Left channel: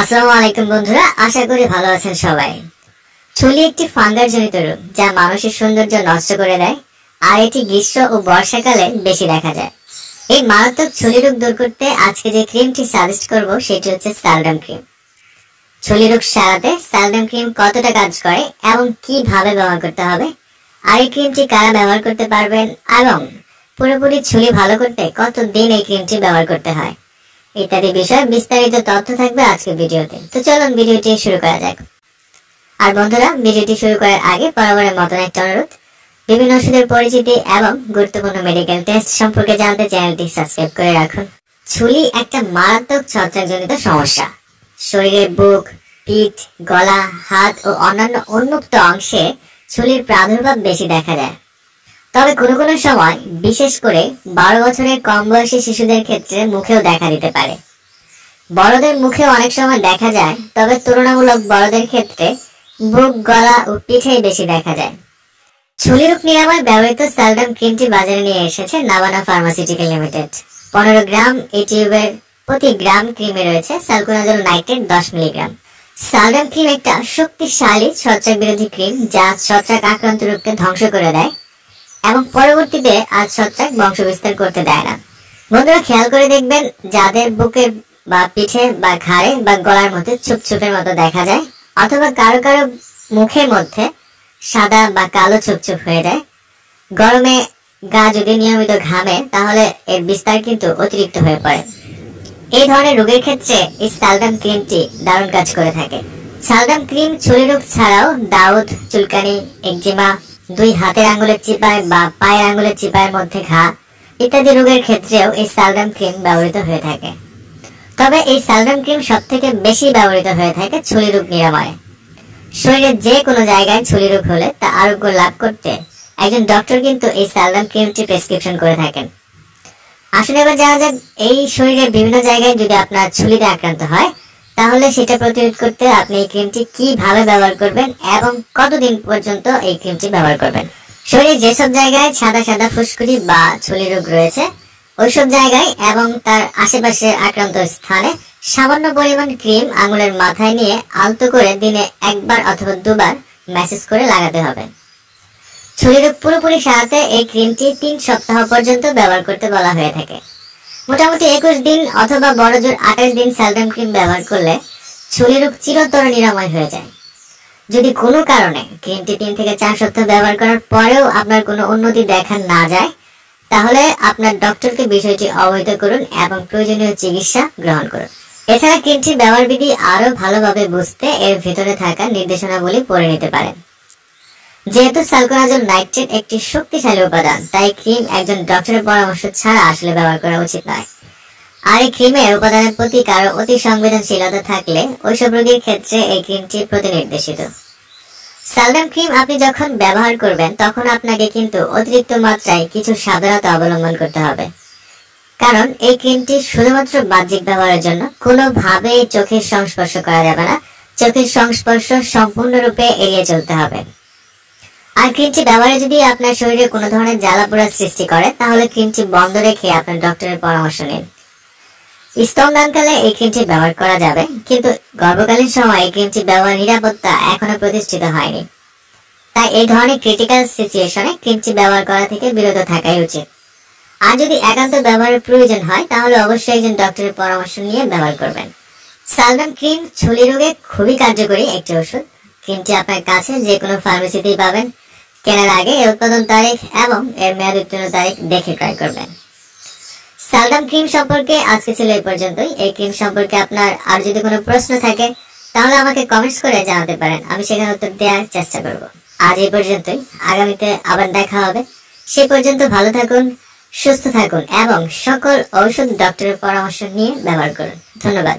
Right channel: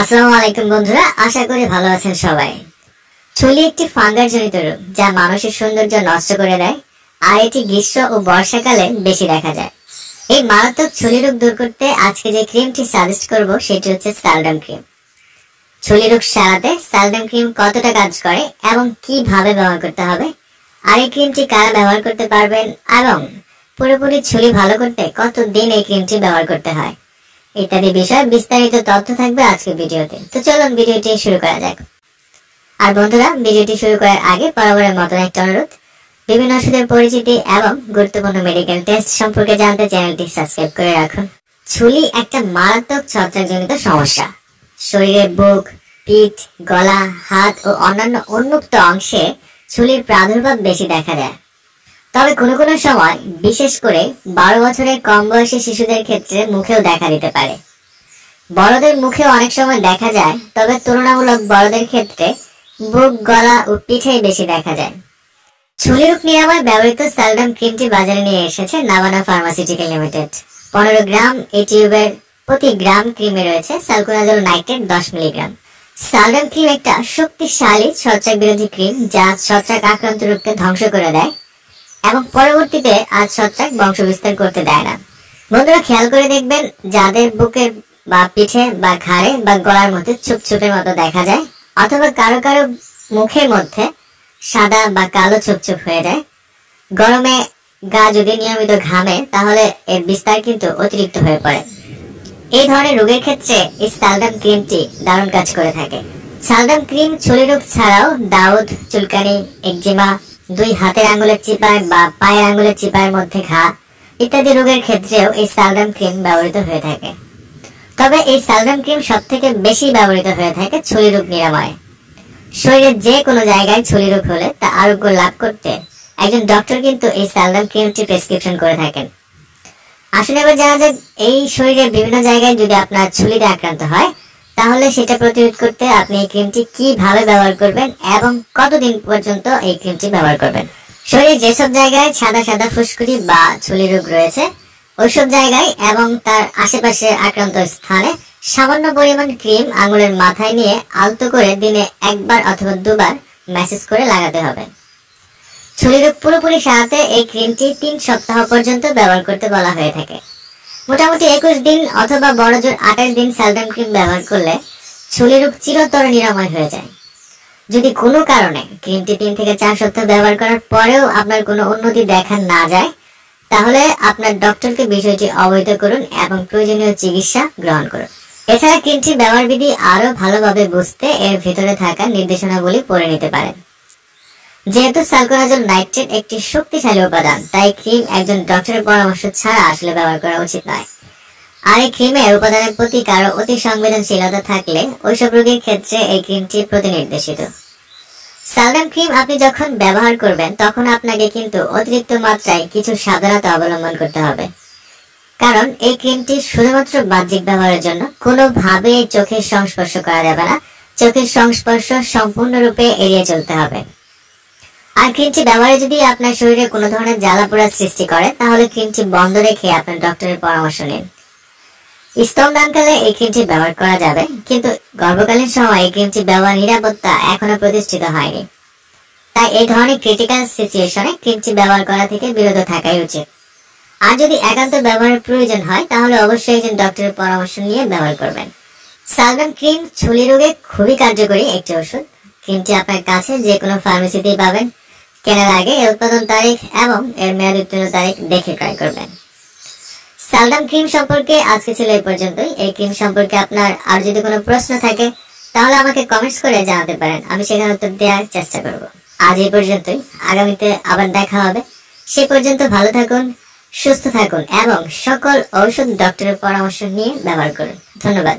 আসসালামু আলাইকুম বন্ধুরা, আশা করি ভালো আছেন সবাই। চুলি একটি ফাঙ্গাস জনিত রোগ যা মানুষের সৌন্দর্য নষ্ট করে দেয়, আর এটি গ্রীষ্ম ও বর্ষাকালে বেশি দেখা যায়। এই মারাত্মক চুলি রোগ দূর করতে আজকে যে ক্রিমটি সাজেস্ট করব সেটি হচ্ছে সালডাম ক্রিম। চুলি রোগ সারাতে সালডাম ক্রিম কতটা কাজ করে এবং কিভাবে ব্যবহার করতে হবে, আর এই ক্রিমটি কারা ব্যবহার করতে পারবেন এবং পুরোপুরি চুলি ভালো করতে কতদিন এই ক্রিমটি ব্যবহার করতে হয় ইত্যাদি বিষয়ে বিস্তারিত তথ্য থাকবে আজকের ভিডিওতে। তো চলুন ভিডিওটি শুরু করা যাক। আর বন্ধুরা, ভিডিওটি শুরু করার আগে বরাবরের মতন একটা অনুরোধ, বিভিন্ন ওষুধের পরিচিতি এবং গুরুত্বপূর্ণ মেডিকেল টেস্ট সম্পর্কে জানতে চ্যানেলটি সাবস্ক্রাইব করে রাখুন। চুলি একটা মারাত্মক ছত্রাকজনিত সমস্যা। শরীরের বুক, পিঠ, গলা, হাত ও অন্যান্য উন্মুক্ত অংশে চুলির প্রাদুর্ভাব বেশি দেখা যায়। তবে কোনো কোনো সময়, বিশেষ করে 12 বছরের কম বয়সী শিশুদের ক্ষেত্রে মুখেও দেখা দিতে পারে। বড়দের মুখেও অনেক সময় দেখা যায়, তবে তুলনামূলক বড়দের ক্ষেত্রে বুক, গলা ও পিঠেই বেশি দেখা যায়। চুলি রোগ নিরাময় ব্যবহৃত সালডাম ক্রিমটি বাজারে নিয়ে এসেছে নাভানা ফার্মাসিউটিক্যাল লিমিটেড। 15 গ্রাম এই টিউবের প্রতি গ্রাম ক্রিমে রয়েছে সালকুনাজল নাইট্রেট 10 মিলিগ্রাম। সালডাম ক্রিম একটা শক্তিশালী ছত্রাক বিরোধী ক্রিম যা ছত্রাক আক্রান্ত রোগকে ধ্বংস করে দেয় এবং পরবর্তীতে আর ছত্রাক বংশ বিস্তার করতে দেয় না। বন্ধুরা, খেয়াল করে দেখবেন, যাদের বুকের বা পিঠে বা ঘাড়ে বা গলার মধ্যে ছুপছুপের মতো দেখা যায়, অথবা কারো কারো মুখের মধ্যে সাদা বা কালো ছুপছুপ হয়ে যায়, গরমে গা যদি নিয়মিত ঘামে তাহলে এর বিস্তার কিন্তু অতিরিক্ত হয়ে পড়ে। এই ধরনের রোগের ক্ষেত্রে এই সালডাম ক্রিমটি দারুণ কাজ করে থাকে। সালডাম ক্রিম চুলি রোগ ছাড়াও দাউদ, চুলকানি, একজিমা, 2 হাতের আঙ্গুলের চিপায় বা পায়ের আঙ্গুলের চিপায়ের মধ্যে ঘা ইত্যাদি রোগের ক্ষেত্রেও এই সালডাম ক্রিম ব্যবহৃত হয়ে থাকে। তবে এই সালডাম ক্রিম সব থেকে বেশি ব্যবহৃত হয়ে থাকে চুলি রোগ নিরাময়ে। শরীরের যে কোনো জায়গায় চুলি রোগ হলে তা আরোগ্য লাভ করতে একজন ডক্টর কিন্তু এই সালডাম ক্রিমটি প্রেসক্রিপশন করে থাকেন। আসুন এবার জানা যাক, এই শরীরের বিভিন্ন জায়গায় যদি আপনার চুলিতে আক্রান্ত হয় তাহলে সেটা প্রতিরোধ করতে আপনি এই ক্রিমটি কিভাবে ব্যবহার করবেন এবং কতদিন পর্যন্ত এই ক্রিমটি ব্যবহার করবেন। শরীরের যেসব জায়গায় সাদা সাদা ফুসকুড়ি বা চুলি রোগ রয়েছে ওইসব জায়গায় এবং তার আশেপাশের আক্রান্ত স্থানে সামান্য পরিমাণ ক্রিম আঙুলের মাথায় নিয়ে আলতো করে দিনে 1 বার অথবা 2 বার ম্যাসেজ করে লাগাতে হবে। চুলি রোগ পুরোপুরি সারাতে এই ক্রিমটি 3 সপ্তাহ পর্যন্ত ব্যবহার করতে বলা হয়ে থাকে। মোটামুটি 21 দিন অথবা বড়জোর 28 দিন সালডাম ক্রিম ব্যবহার করলে চুলি রোগ চিরতর নিরাময় হয়ে যায়। যদি কোনো কারণে ক্রিমটি 3 থেকে 4 সপ্তাহ ব্যবহার করার পরেও আপনার কোনো উন্নতি দেখা না যায় তাহলে আপনার ডক্টরকে বিষয়টি অবহিত করুন এবং প্রয়োজনীয় চিকিৎসা গ্রহণ করুন। এছাড়া ক্রিমটি ব্যবহার বিধি আরো ভালোভাবে বুঝতে এর ভিতরে থাকা নির্দেশনাবলী পড়ে নিতে পারেন। যেহেতু সালকুনাজল নাইট্রেট একটি শক্তিশালী উপাদান, তাই ক্রিম একজন ডক্টরের পরামর্শ ছাড়া আসলে ব্যবহার করা উচিত নয়। আর এই ক্রিমের উপাদানের প্রতি কারো অতি সংবেদনশীলতা থাকলে ওইসব রোগীর ক্ষেত্রে এই ক্রিমটি প্রতিনির্দেশিত। সালডাম ক্রিম আপনি যখন ব্যবহার করবেন তখন আপনাকে কিন্তু অতিরিক্ত মাত্রায় কিছু সাবধানতা অবলম্বন করতে হবে, কারণ এই ক্রিমটি শুধুমাত্র বাহ্যিক ব্যবহারের জন্য। কোনোভাবেই চোখের সংস্পর্শ করা যাবে না। চোখের সংস্পর্শ সম্পূর্ণরূপে এড়িয়ে চলতে হবে। আর ক্রিমটি ব্যবহারে যদি আপনার শরীরে কোনো ধরনের জ্বালাপোড়া সৃষ্টি করে তাহলে ক্রিমটি বন্ধ রেখে আপনার ডক্টরের পরামর্শ নিন। স্তনদানকালে এই ক্রিমটি ব্যবহার করা যাবে, কিন্তু গর্ভকালীন সময় এই ক্রিমটি ব্যবহার নিরাপত্তা এখনো প্রতিষ্ঠিত হয়নি। তাই এই ধরনের ক্রিটিক্যাল সিচুয়েশনে ক্রিমটি ব্যবহার করা থেকে বিরত থাকাই উচিত। আর যদি একান্ত ব্যবহারের প্রয়োজন হয় তাহলে অবশ্যই একজন ডক্টরের পরামর্শ নিয়ে ব্যবহার করবেন। সালডাম ক্রিম চুলি রোগে খুবই কার্যকরী একটি ওষুধ। ক্রিমটি আপনার কাছে যে কোনো ফার্মেসিতেই পাবেন। কেনার আগে এর উৎপাদন তারিখ এবং এর মেয়াদ উত্তীর্ণ তারিখ দেখে ট্রাই করবেন। সালডাম ক্রিম সম্পর্কে আজকে ছিল এই পর্যন্তই। এই ক্রিম সম্পর্কে আপনার আর যদি কোনো প্রশ্ন থাকে তাহলে আমাকে কমেন্টস করে জানাতে পারেন, আমি সেখানে উত্তর দেওয়ার চেষ্টা করব। আজ এই পর্যন্তই, আগামীতে আবার দেখা হবে। সেই পর্যন্ত ভালো থাকুন, সুস্থ থাকুন এবং সকল ঔষধ ডক্টরের পরামর্শ নিয়ে ব্যবহার করুন। ধন্যবাদ।